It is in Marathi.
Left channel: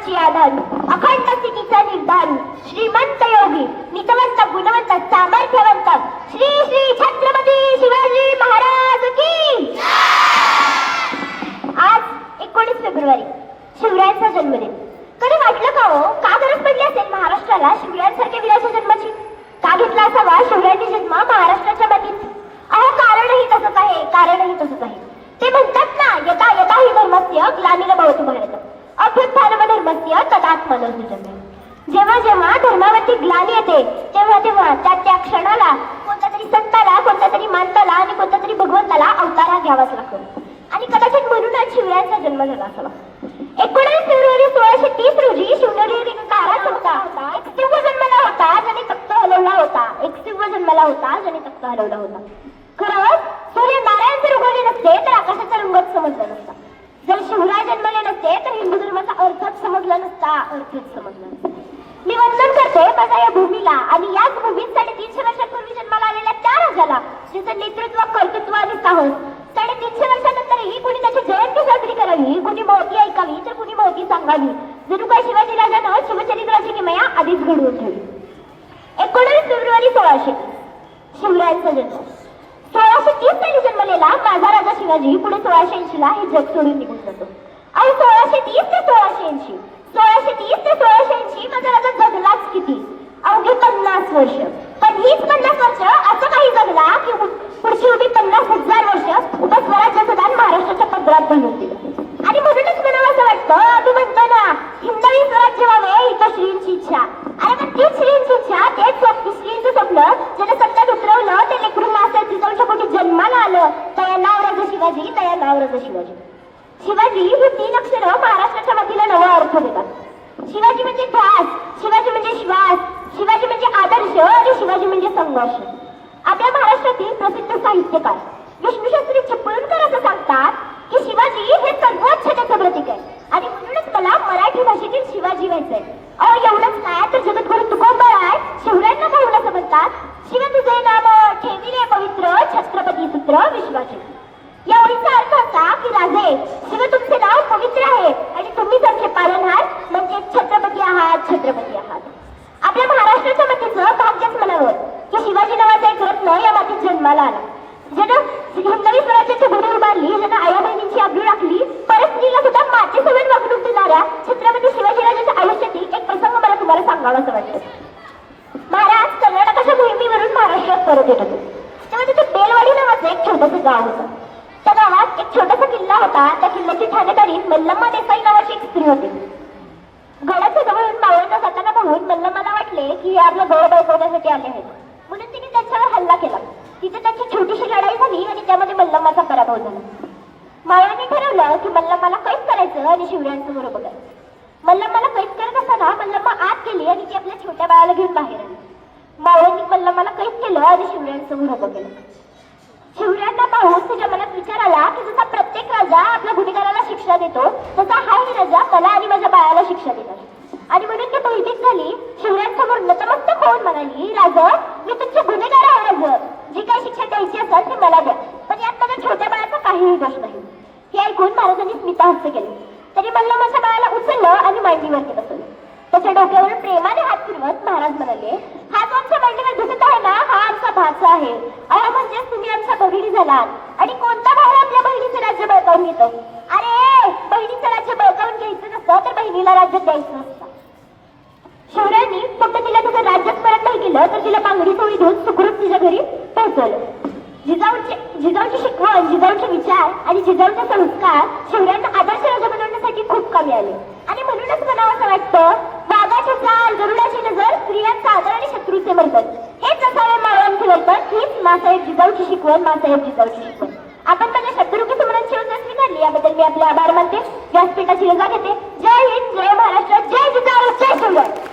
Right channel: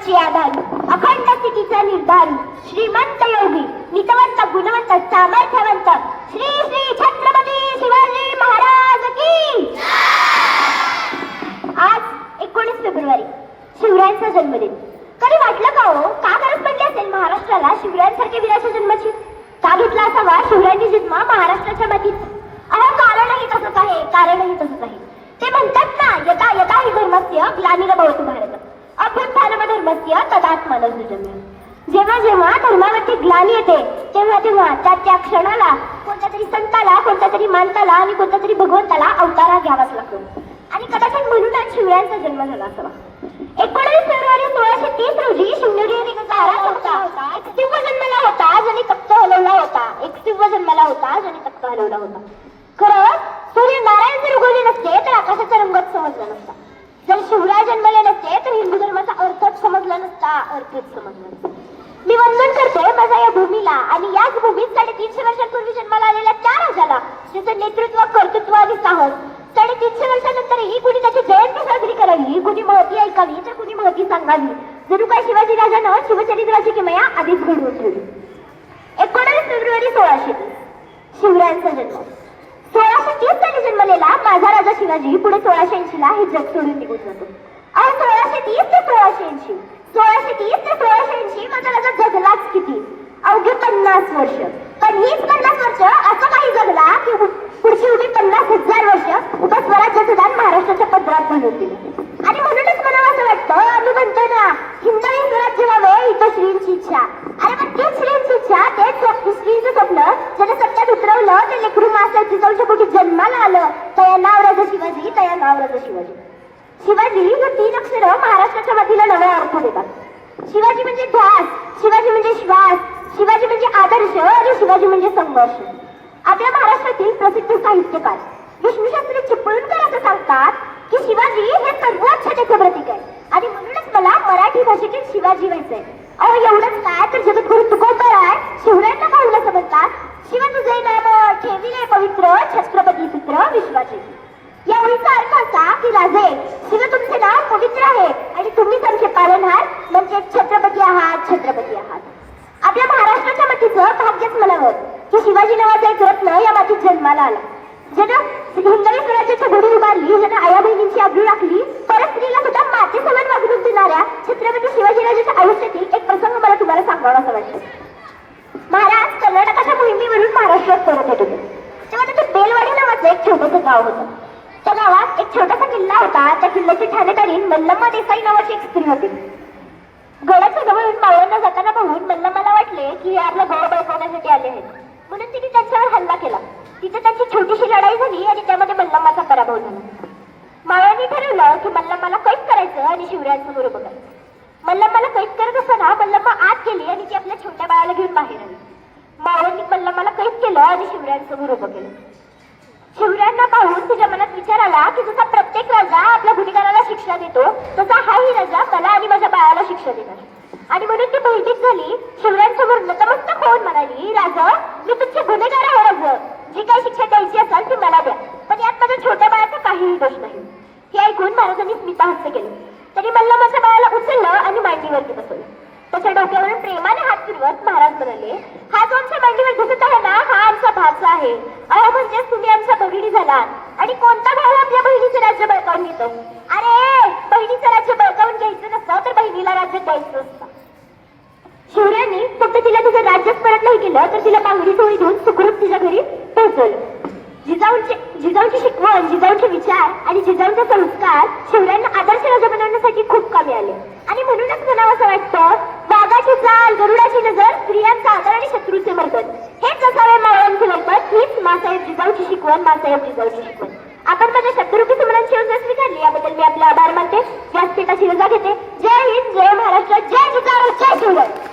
प्राणांची आधारू अखंड स्थितीचा निर्धारू श्रीमंत योगी नितवंत गुणवंत सामर्थ्यवंत श्री श्री छत्रपती शिवाजी महाराज की आज 19 फेब्रुवारी शिवरायांचा जन्मदिन. कधी वाटलं का हो, का गरज पडली असेल महाराष्ट्राला शिवरायांसारख्या वीराच्या जन्माची? का घेतला असावा शिवरायांनी जन्म महाराष्ट्राच्या मातीत? अहो कारणही तसंच आहे, कारणही तसंच आहे. ते म्हणतात ना, यथा यथा हि धर्मस्य ग्लानिर्भवतु भारत अभ्युत्थानमधर्मस्य तदात्मनं सृजते. जेव्हा जेव्हा धर्मावरती ग्लानी येते तेव्हा तेव्हा त्या क्षणाला कोणत्या तरी संताला, कोणत्या तरी माणसाला आणि कोणत्या तरी भगवंताला अवतारा घ्यावाच लागतो. आणि कदाचित म्हणूनच शिवरायांचा जन्म झाला असावा. 19 फेब्रुवारी 1630 रोजी शिवनेरी ताराच होता. एक शिव जन्माला होता ज्याने तख्त हलवला होता. एक शिव जन्माला होता ज्याने तख्त हलवला होता. खरं सूर्य नारायण जर उगवले नसते तर आकाशाचा रंगच समजला नसता. जर शिवराय जन्मले नसते तर हिंदू धर्माचा अर्थच समजला नसता, अर्थच समजला नसता. मी वंदन करते माझ्या या भूमीला आणि याच भूमीत 350 वर्षांपूर्वी जन्माला आलेल्या त्या राजाला ज्याचं नेतृत्व, कर्तृत्व आणि साहस 350 वर्षानंतरही कुणी त्याची जयंती साजरी करावी, कुणी महती ऐकावी तर कुणी महती सांगावी. जणू काय शिवाजी राजानं शिवचरित्राची किमया आधीच घडवून ठेवली. 19 फेब्रुवारी 1630 शिवरायांचा जन्म. 1630 साली जन्मलेला माझा राजा शिवाजी पुढे 1680 ला हे जग सोडून निघून जातो. अहो 1630 ते 1680, 1630 ते 1680 माझा राजा जगलाच किती? अवघे 50 वर्ष. पण हीच 50 वर्ष असं काही जगला की पुढची उभी 50,000 वर्ष उभा स्वराज्याचं दान महाराष्ट्राच्या पदरात घालून दिलं. आणि म्हणूनच मला असं वाटतं, आम्ही म्हणतो ना, हिंदवी स्वराज्य व्हावे इथं श्रींची इच्छा. अरे मग तीच श्रींची इच्छा, तेच श्रींचं स्वप्न ज्याने सत्यात उतरवलं, त्या लेकरू मास्टर जिजाऊच्या पोटी जन्माला आलं. तया नाव राजा शिवाजी, तया नाव राजा शिवाजी. शिवाजी हे 3 अक्षरं महाराष्ट्राच्या मातीला नवा अर्थ देतात. शिवाजी म्हणजे ध्यास, शिवाजी म्हणजे श्वास, शिवाजी म्हणजे आदर्श आणि शिवाजी म्हणजे संघर्ष. आपल्या महाराष्ट्रातील प्रसिद्ध साहित्यकार विष्णुशास्त्री चिपळूणकर असं सांगतात की शिवाजी हे सर्वोच्चतेचं प्रतीक आहे आणि म्हणूनच मला मराठी भाषेतील शिवाजी व्हायचंय. अहो एवढंच काय तर जगद्गुरु तुकोबा आहे शिवरायांना पाहून असं म्हणतात, शिवाजी जय नाम ठेविले पवित्र छत्रपती सूत्र विश्वाचे. या ओळीचा अर्थ असा की राजे शिव तुमचे नाव पवित्र आहे आणि तुम्हीच आमचे पालनहार म्हणजे छत्रपती आहात, छत्रपती आहात. आपल्या महाराष्ट्राच्या मातीचं भाग्यच म्हणावं की शिवाजी नावाचा एक रत्न या मातीत जन्माला आला. ज्यानं हिंदवी स्वराज्याची घडी उभारली, ज्यानं आया बहिणींची अब्रू राखली, परत स्त्रीला सुद्धा मातेसोबत वागणूक देणाऱ्या छत्रपती शिवाजीराजाच्या आयुष्यातील एक प्रसंग मला तुम्हाला सांगावा असं वाटतं. महाराज कर्नाटकाच्या मोहिमेवरून महाराष्ट्रात परत येत होते. तेव्हा तिथे बेलवाडी नावाचं एक छोटंसं गाव होतं. त्या गावात एक छोटासा किल्ला होता. त्या किल्ल्याची ठाणेदारी मल्लम्मा देसाई नावाची एक स्त्री होती. गडाच्या जवळ मावळ्यांना जाताना पाहून मल्लम्माला वाटले की आपला गड बळकवण्यासाठी आले आहेत, म्हणून तिने त्यांच्यावर हल्ला केला. तिथे त्यांची छोटीशी लढाई झाली आणि त्यामध्ये मल्लम्माचा पराभव झाला. मावळ्यांनी ठरवलं की मल्लम्माला कैद करायचं आणि शिवरायांचं गुरु बघायचं. मल्लम्माला कैद करत असताना मल्लम्मा आत गेली आणि ती आपल्या छोट्या बाळाला घेऊन बाहेर आली. मावळ्यांनी मल्लम्माला कैद केलं आणि शिवरायांचं गुरु बघितलं. शिवरायांना पाहून तिच्या मनात विचार आला की जसा प्रत्येक राजा आपल्या गुन्हेगाराला शिक्षा देतो तसा हाही राजा मला आणि माझ्या बाळाला शिक्षा देणार. आणि म्हणून ती भयभीत झाली. शिवरायांसमोर नतमस्तक होऊन म्हणाली, राजा मी तुमच्या गुन्हेगारावर जी काही शिक्षा द्यायची असेल ती मला द्या, पण यात माझ्या छोट्या बाळाचा काहीही दोष नाही. हे ऐकून महाराजांनी स्मितहास्य केले. तरी मल्लम्माच्या बाळाला उचललं आणि मांडीवरती बसवलं. त्याच्या डोक्यावरून प्रेमाने हात फिरवत महाराज म्हणाले, हा जो आमच्या मांडीवर दिसत आहे ना, हा आमचा भाचा आहे. अहो म्हणजेच तुम्ही आमच्या बहिणी झालात. आणि कोणता भाऊ आपल्या बहिणीचे राज्य बळकावून घेतो? अरे बहिणीचं राज्य बळकावून घ्यायचं नसतं तर बहिणीला राज्य द्यायचं असतं. शिवरायांनी फक्त तिला तिचं राज्यच परत नाही केलं तर तिला पांगडी सोयी देऊन सुखरूप तिच्या घरी पोहोचवलं. जिजाऊची शिकवण, जिजाऊचे विचार आणि जिजाऊचे संस्कार शिवरायांना आदर्श राजा बनवण्यासाठी खूप कामी आले. आणि म्हणूनच म्हणावं असं वाटतं, वाघाची चाल, गरुडाची नजर, स्त्रियांचा आदर आणि शत्रूचे मर्दन, हेच असावे मावळ्यांचे वर्तन. हीच मासाहेब जिजाऊची शिकवण, मासाहेब जिजाऊची शिकवण. आपण माझ्या शत्रुकी समरांची योजना स्वीकारली याबद्दल मी आपले आभार मानते. व्यासपीठाची रजा घेते. जय हिंद, जय महाराष्ट्र, जय जिजाऊ, जय शिवराय.